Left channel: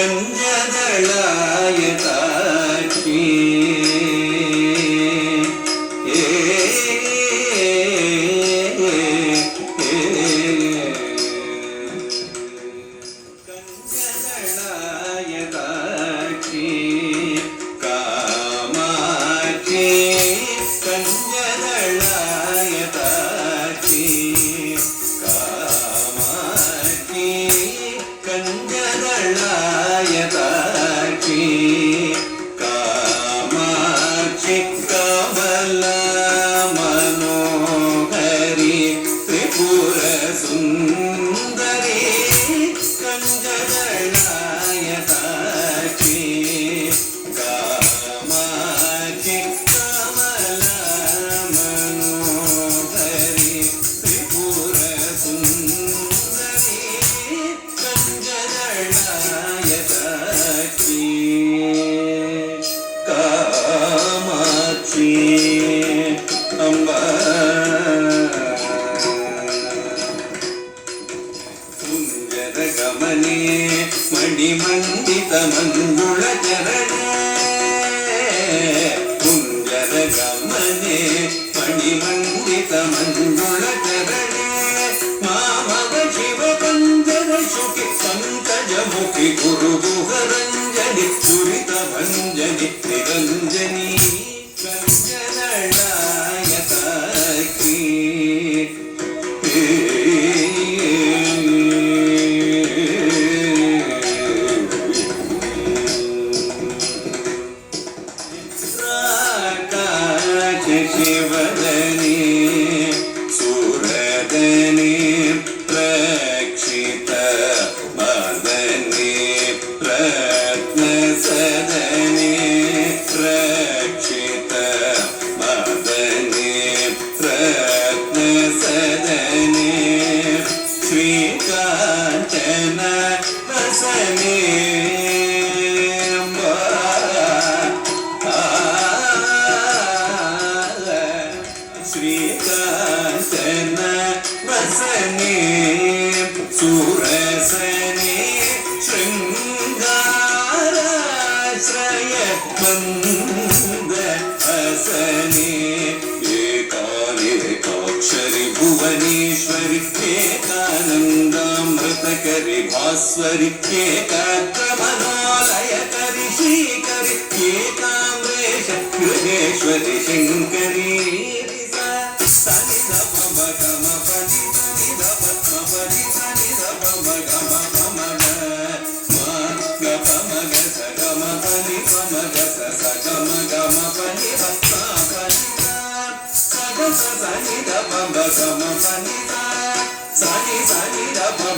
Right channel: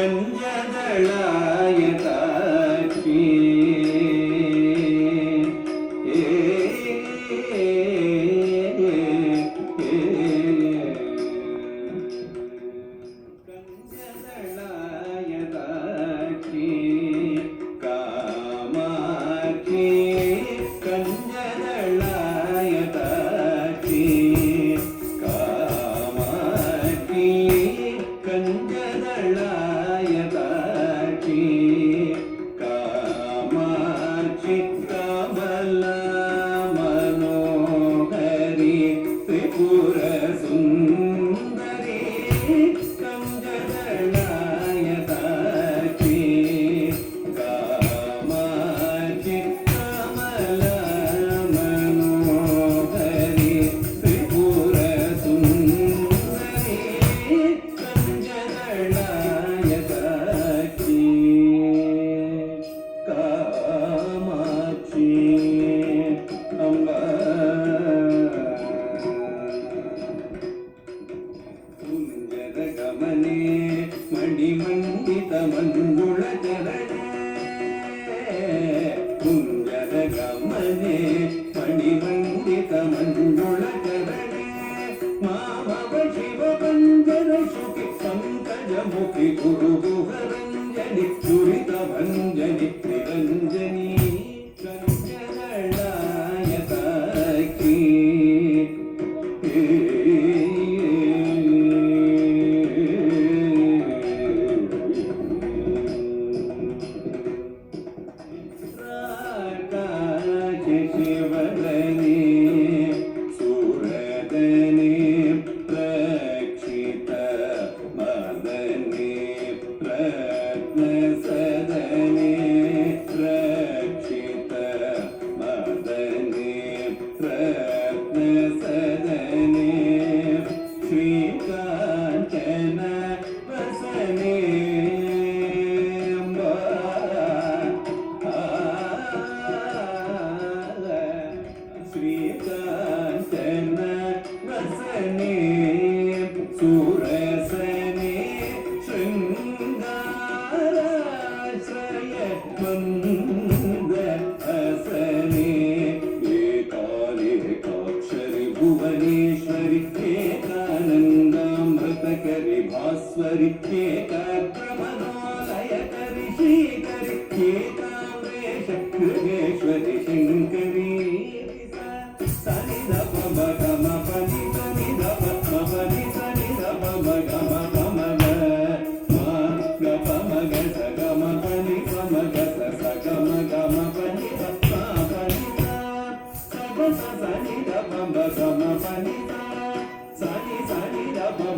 கஞ்சதளாயதாட்சி மணிமண்டித மஞ்சுள ஜரணே குஞ்சர கமனே மணிமண்டித மஞ்சுள ஜரணே மாமவ சிவ பஞ்சர சுகி பங்கஜ முகி குரு குஹரஞ்சனி சுரித ಭಂಜನಿ ನಿರಂಜನಿ ಕಂಜನಳಾಯತಾಕಿ ಶಿವದನಿ ಸುರದನಿ ರಕ್ಷಿತ ಮದನಿ ರತ್ನ ಸದನಿ ರಕ್ಷಿತ ಮದನಿ ರತ್ನ ಸದನಿ ಶ್ರೀಕಾಂಚನ ರಸನೇ ಶ್ರೀಕಾಂತನ ವಸನೆ ಸುರಸನೆ ಶೃಂಗಾರಾಶ್ರಯ ಮಂದ ಹಸನೆ ಏಕಾನೇಕಾಕ್ಷರಿ ಭುವನೇಶ್ವರಿ ಏಕಾನಂದಾಮೃತಕರಿ ಭಾಸ್ವರಿ ಏಕಾಗ್ರಮನಾಲಯಕರಿ ಶ್ರೀಕರಿ ಏಕಾಮ್ರೇಶ ಗೃಹೇಶ್ವರಿ ಶಂಕರಿ Sani